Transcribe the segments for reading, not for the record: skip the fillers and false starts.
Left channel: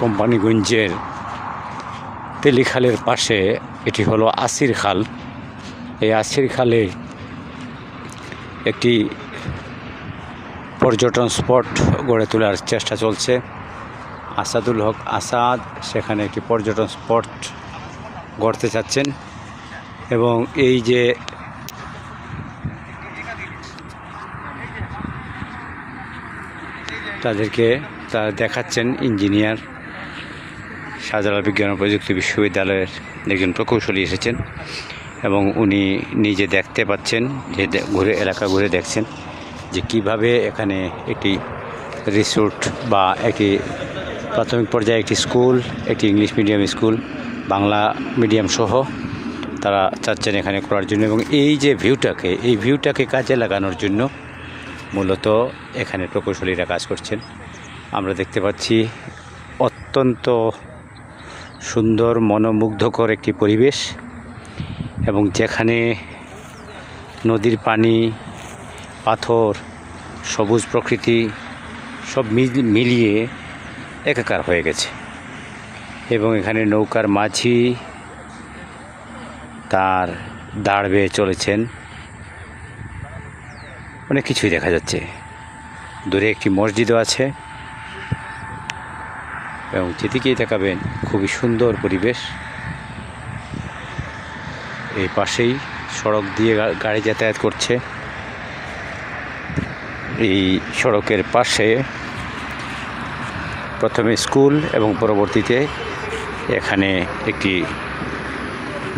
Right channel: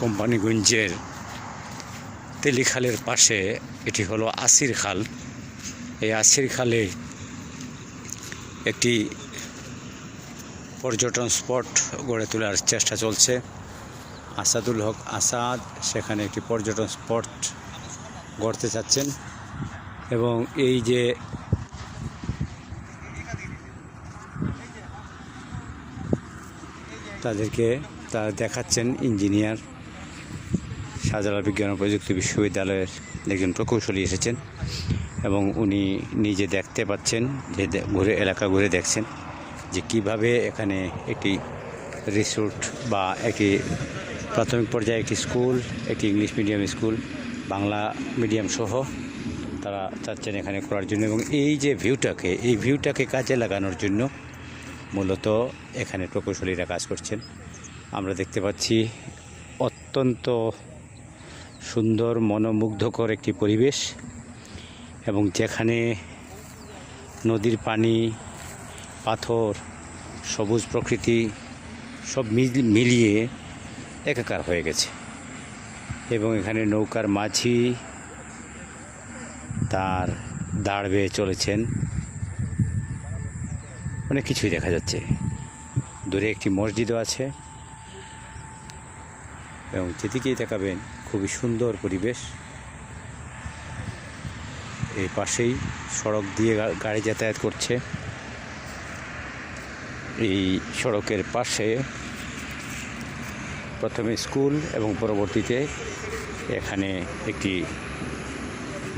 কোম্পানিগঞ্জের তেলিখালের পাশে এটি হলো আসির খাল। এই আসির খালে একটি পর্যটন স্পট গড়ে তোলার চেষ্টা চলছে। আসাদুল হক আসাদ সেখানে একটি পর্যটন স্পট গড়তে চাচ্ছেন এবং এই যে তাদেরকে তারা দেখাচ্ছেন ইঞ্জিনিয়ার শাহজালাল বিজ্ঞান ও প্রযুক্তি বিশ্ববিদ্যালয়ের একজন প্রকৌশলী এসেছেন এবং উনি নিজে দেখতে পাচ্ছেন যে এলাকা ঘুরে দেখছেন যে কিভাবে এখানে একটি রিসোর্ট বা একটি প্রাথমিক পর্যায়ে একটি স্কুল, একটি English medium school, Bangla medium সহ তারা চাচ্ছেন এখানে করার জন্য এবং এই যে ভিউটাকে কাজে লাগানোর জন্য মূলত এখানে প্রকৌশলীরা কাজ করছেন। আমরা দেখতে পাচ্ছি অত্যন্ত সুন্দর মনোমুগ্ধকর একটি পরিবেশ এবং যেখানে নদীর পানি, পাথর, সবুজ প্রকৃতি সব মিলিয়ে একাকার হয়ে গেছে এবং এখানে নৌকার মাঝি তার দাঁড় বেয়ে চলেছেন। অনেক কিছুই দেখা যাচ্ছে। দূরে একটি মসজিদও আছে এবং যেদিকেই তাকাবেন খুবই সুন্দর পরিবেশ। এই পাশেই সড়ক দিয়ে গাড়ি যাতায়াত করছে। এই সড়কের পাশে প্রথমে স্কুল এবং পরবর্তীতে এখানে একটি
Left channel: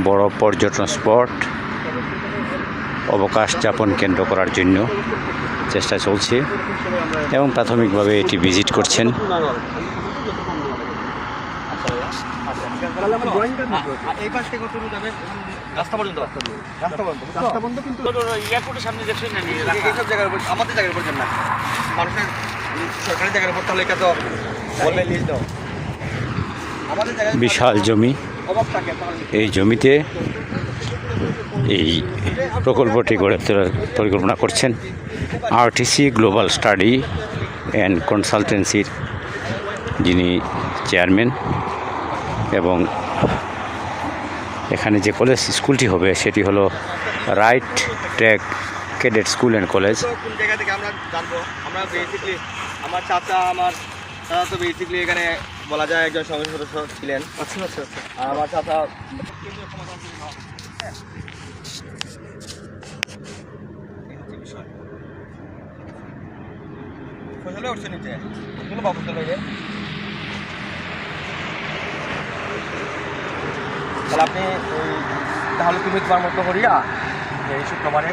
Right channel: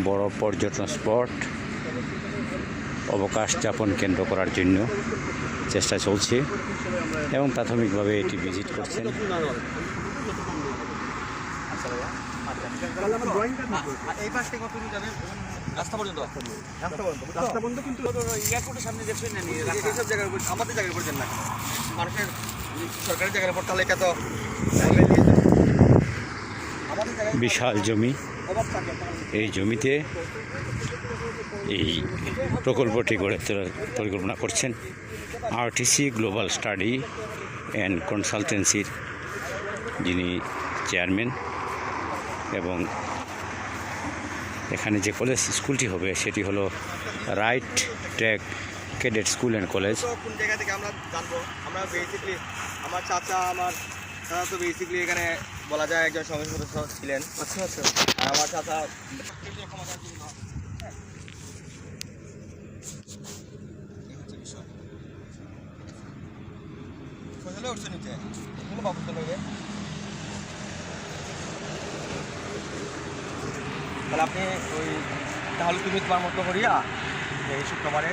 বড় পর্যটন স্পট অবকাশ যাপন কেন্দ্র করার জন্য চেষ্টা চলছে এবং প্রাথমিকভাবে এটি ভিজিট করছেন। বিশাল জমি, এই জমিতে এই প্রকল্পটি গড়ে তোলার পরিকল্পনা করছেন আরটিসি গ্লোবাল স্টাডি অ্যান্ড কনসালটেন্সির যিনি চেয়ারম্যান এবং এখানে যে কলেজ স্কুলটি হবে সেটি হলো right track cadet school and college. জায়গা থেকে আমরা জানবো, আমরা বেসিকলি আমার চাচা তো বেসিকলি এখানে বলা যায় একজন সংসদ সদস্য ছিলেন। আচ্ছা, আমার চাচা উঠছে নিচে তাহলে আপনি তাহলে তুমি তোমার মতো করিয়া এই শুক্রবারে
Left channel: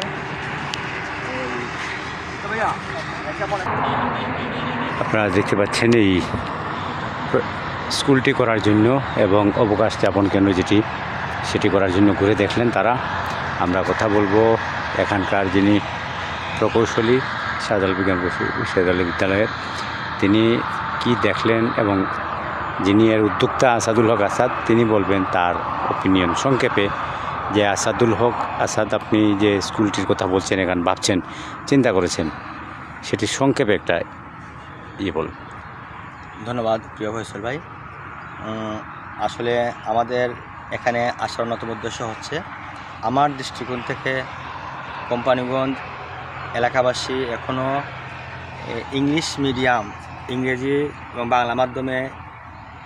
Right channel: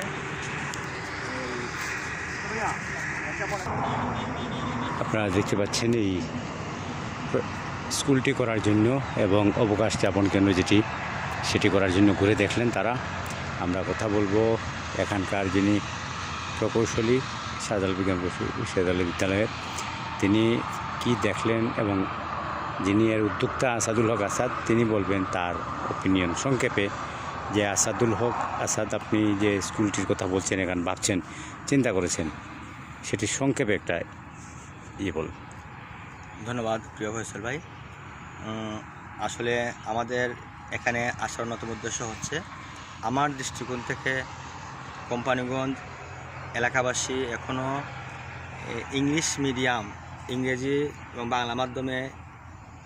আপনারা দেখতে পাচ্ছেন এই স্কুলটি করার জন্য এবং অবকাশ যাপন কেন্দ্র যেটি সেটি করার জন্য ঘুরে দেখলেন তারা। আমরা কথা বলবো এখানকার যিনি প্রকৌশলী শাহজালাল বিজ্ঞান বিশ্ববিদ্যালয়ের, তিনি কি দেখলেন এবং যিনি এর উদ্যোক্তা আসাদুল হক আসাদ তিনি বলবেন তার ওপিনিয়ন সংক্ষেপে। যে আসাদুল হক আসাদ, আপনি যে স্কুলটির কথা বলছেন, এখানে ভাবছেন, চিন্তা করেছেন, সেটি সংক্ষেপে একটা বল। ধন্যবাদ প্রিয় ফয়সল ভাই। আসলে আমাদের এখানে আসার অন্যতম উদ্দেশ্য হচ্ছে আমার দৃষ্টিকোণ থেকে কোম্পানিগঞ্জ এলাকাবাসী এখনও ইংলিশ মিডিয়াম, ইংরেজি এবং বাংলা মাধ্যমে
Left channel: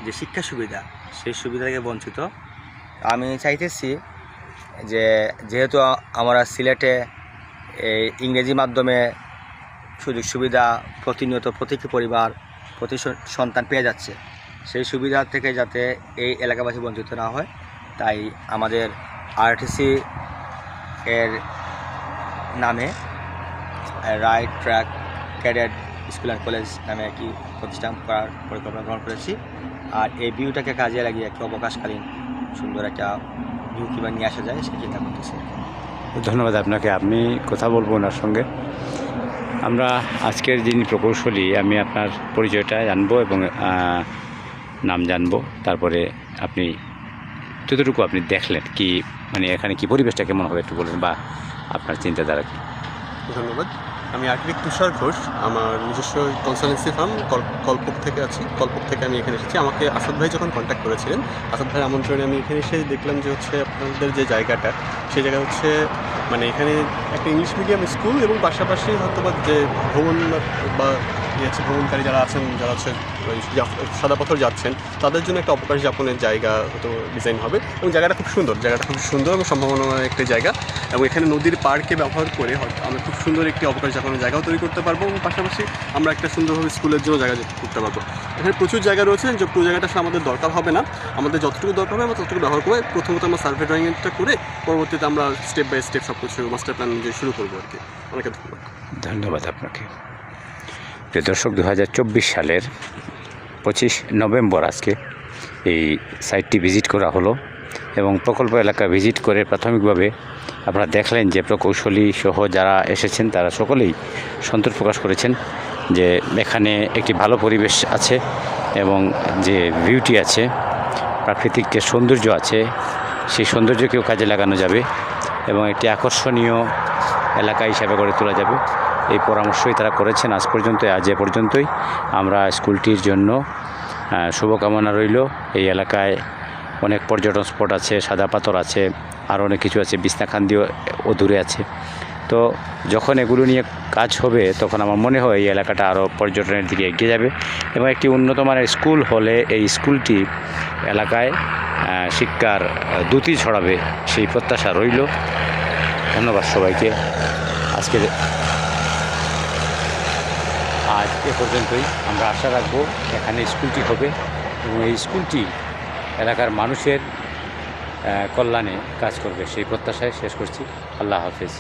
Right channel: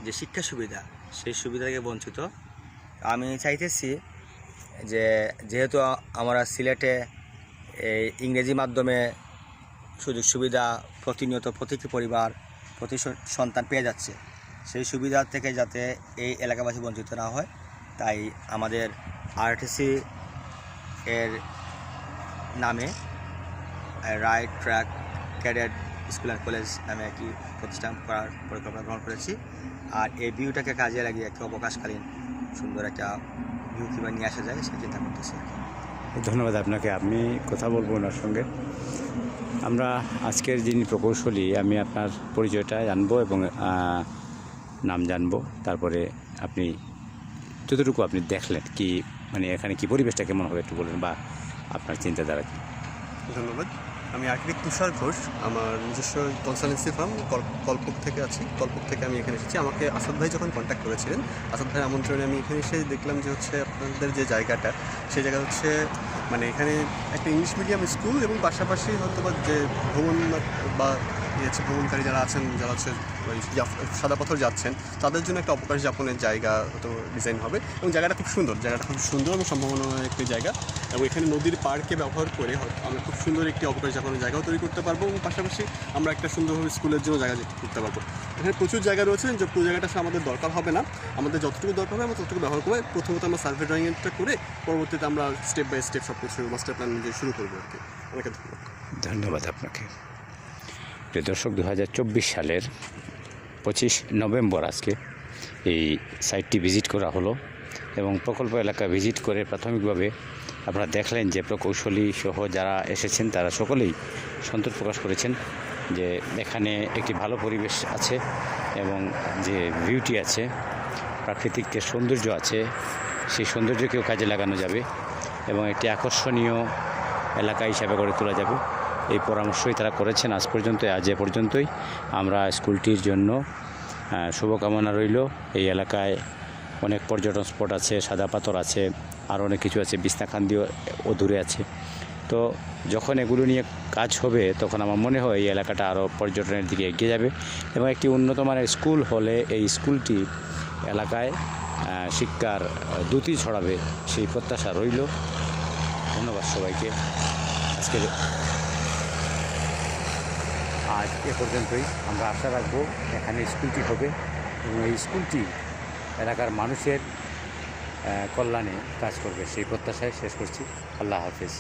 যে শিক্ষা সুবিধা সেই সুবিধা থেকে বঞ্চিত। আমি চাইতেছি যে যেহেতু আমরা সিলেটে এই ইংরেজি মাধ্যমে সুযোগ সুবিধা প্রতিনিয়ত প্রতিটি পরিবার প্রতি সন্তান পেয়ে যাচ্ছে, সেই সুবিধা থেকে যাতে এই এলাকাবাসী বঞ্চিত না হয়, তাই আমাদের আরটিসি এর নামে right track cadet school and college নামে একটি প্রতিষ্ঠান করার পরিকল্পনা গ্রহণ করেছি। আর এই ভিউটাকে কাজে লাগিয়ে একটি অবকাশকালীন সুন্দর একটা ভিউ কীভাবে নিয়ে আসা যায় সেই চিন্তা করতেছি। ধন্যবাদ আপনাকে। আমি কথা বলবো ওনার সঙ্গে। আমরা আজকের যিনি প্রকৌশলী, আমি আপনার পরিচয়টা জানবো এবং নাম জানবো, তারপরে আপনি যতটুকু আপনি দেখলেন কি মানে এখানে কি পরিবেশটা কেমন হবে একটু বলবেন বা আপনার চিন্তাধারা কি। ধন্যবাদ। আমি আর্কিটেক্ট তুষার ঘোষ। আমার নিজস্ব কনসালটেন্সি ফার্ম কল্পক থেকে আছি। কল্পক থেকে আমি এখানে এসেছি। আমাকে আসাদ ভাই যখন কন্ট্যাক্ট করেছিলেন, আসাদ ভাইয়ের আমন্ত্রণে আমি এখানে এসে দেখলাম যে হচ্ছে আপনাদের যে জায়গাটা, সেই জায়গা হচ্ছে মানে এখানে একটা ইংলিশ মিডিয়াম স্কুল এবং পাশাপাশি হয়তো বা যে ভ্রমণ বা ভ্রমণকারী যারা আছেন, যারা হচ্ছে সাদা পাথর যাচ্ছেন, তাদের জন্য একটা অবকাশ যাপনের জায়গা হয়তো ডিজাইন হবে। এবং জায়গাটা খুব সুন্দর এবং সম্ভাবনাময় একটি জায়গা। এবং এখানে নদীর পাড়কে ব্যবহার করে হয়তো আমরা খুব সুন্দর একটি অবকাশ যাপনের জায়গাও তৈরি করতে পারবো এবং পাশাপাশি আমরা একটা সুন্দরভাবে স্কুলের জন্য জায়গা করতে পারবো। এখানে প্রচুর জায়গা রয়েছে, যে পুরো জায়গাটা আসলে আমাদের দরকার হবে না। আমাদের যতটুকু দরকার হবে আমরা ততটুকু ব্যবহার করবো। প্রথমত আমরা সার্ভে ড্রয়িংটা করে পরবর্তীতে আমরা স্টেপ বাই স্টেপ সব কিছু মাস্টার প্ল্যান অনুযায়ী শুরু করবো আর কি। অনেক ধন্যবাদ। ধন্যবাদ আপনাকে। প্রিয় দর্শক, 2024 সালের 25 নভেম্বর আজকে এই সাইটটি ভিজিট করা হলো এবং প্রকল্প এলাকা ভিজিট করে প্রাথমিকভাবে আপনারা দেখলেন যে প্রকৌশলী সহ যারা এসেছেন তারা সকলেই সন্তোষ প্রকাশ করেছেন যে এখানে একটি ভালো পরিবেশ আছে এবং যে বিউটি আছে, প্রাকৃতিক যে সৌন্দর্য আছে, সেই সৌন্দর্যকেও কাজে লাগানো যাবে এবং একটি আকর্ষণীয় এলাকা হিসাবে গড়ে তোলা যাবে। এই পরামর্শই তারা করেছেন আজ এ পর্যন্তই। আমরা স্কুলটির জন্য শুভকামনা রইল। এই এলাকায় অনেক পর্যটন স্পট আছে, সাদা পাথর আছে, আর অনেক কিছু আছে, বিছনাকান্দিও দূরে আছে। তো যখন এগুলো নিয়ে কাজ হবে তখন আমার মনে হয় এই এলাকাটা আরও পর্যটনের দিকে এগিয়ে যাবে এবং একটি উন্নত মানের স্কুল হলে এই স্কুলটি এলাকায় শিক্ষার দ্যুতি ছড়াবে, সেই প্রত্যাশা রইল। ধন্যবাদ সবাইকে। আজ এ পর্যন্তই। আমরা আশা রাখবো এখানে স্কুলটি হবে এবং এই স্কুলটি এলাকার মানুষের কল্যাণে কাজ করবে, সেই প্রত্যাশায় শেষ করছি। আল্লাহ হাফেজ।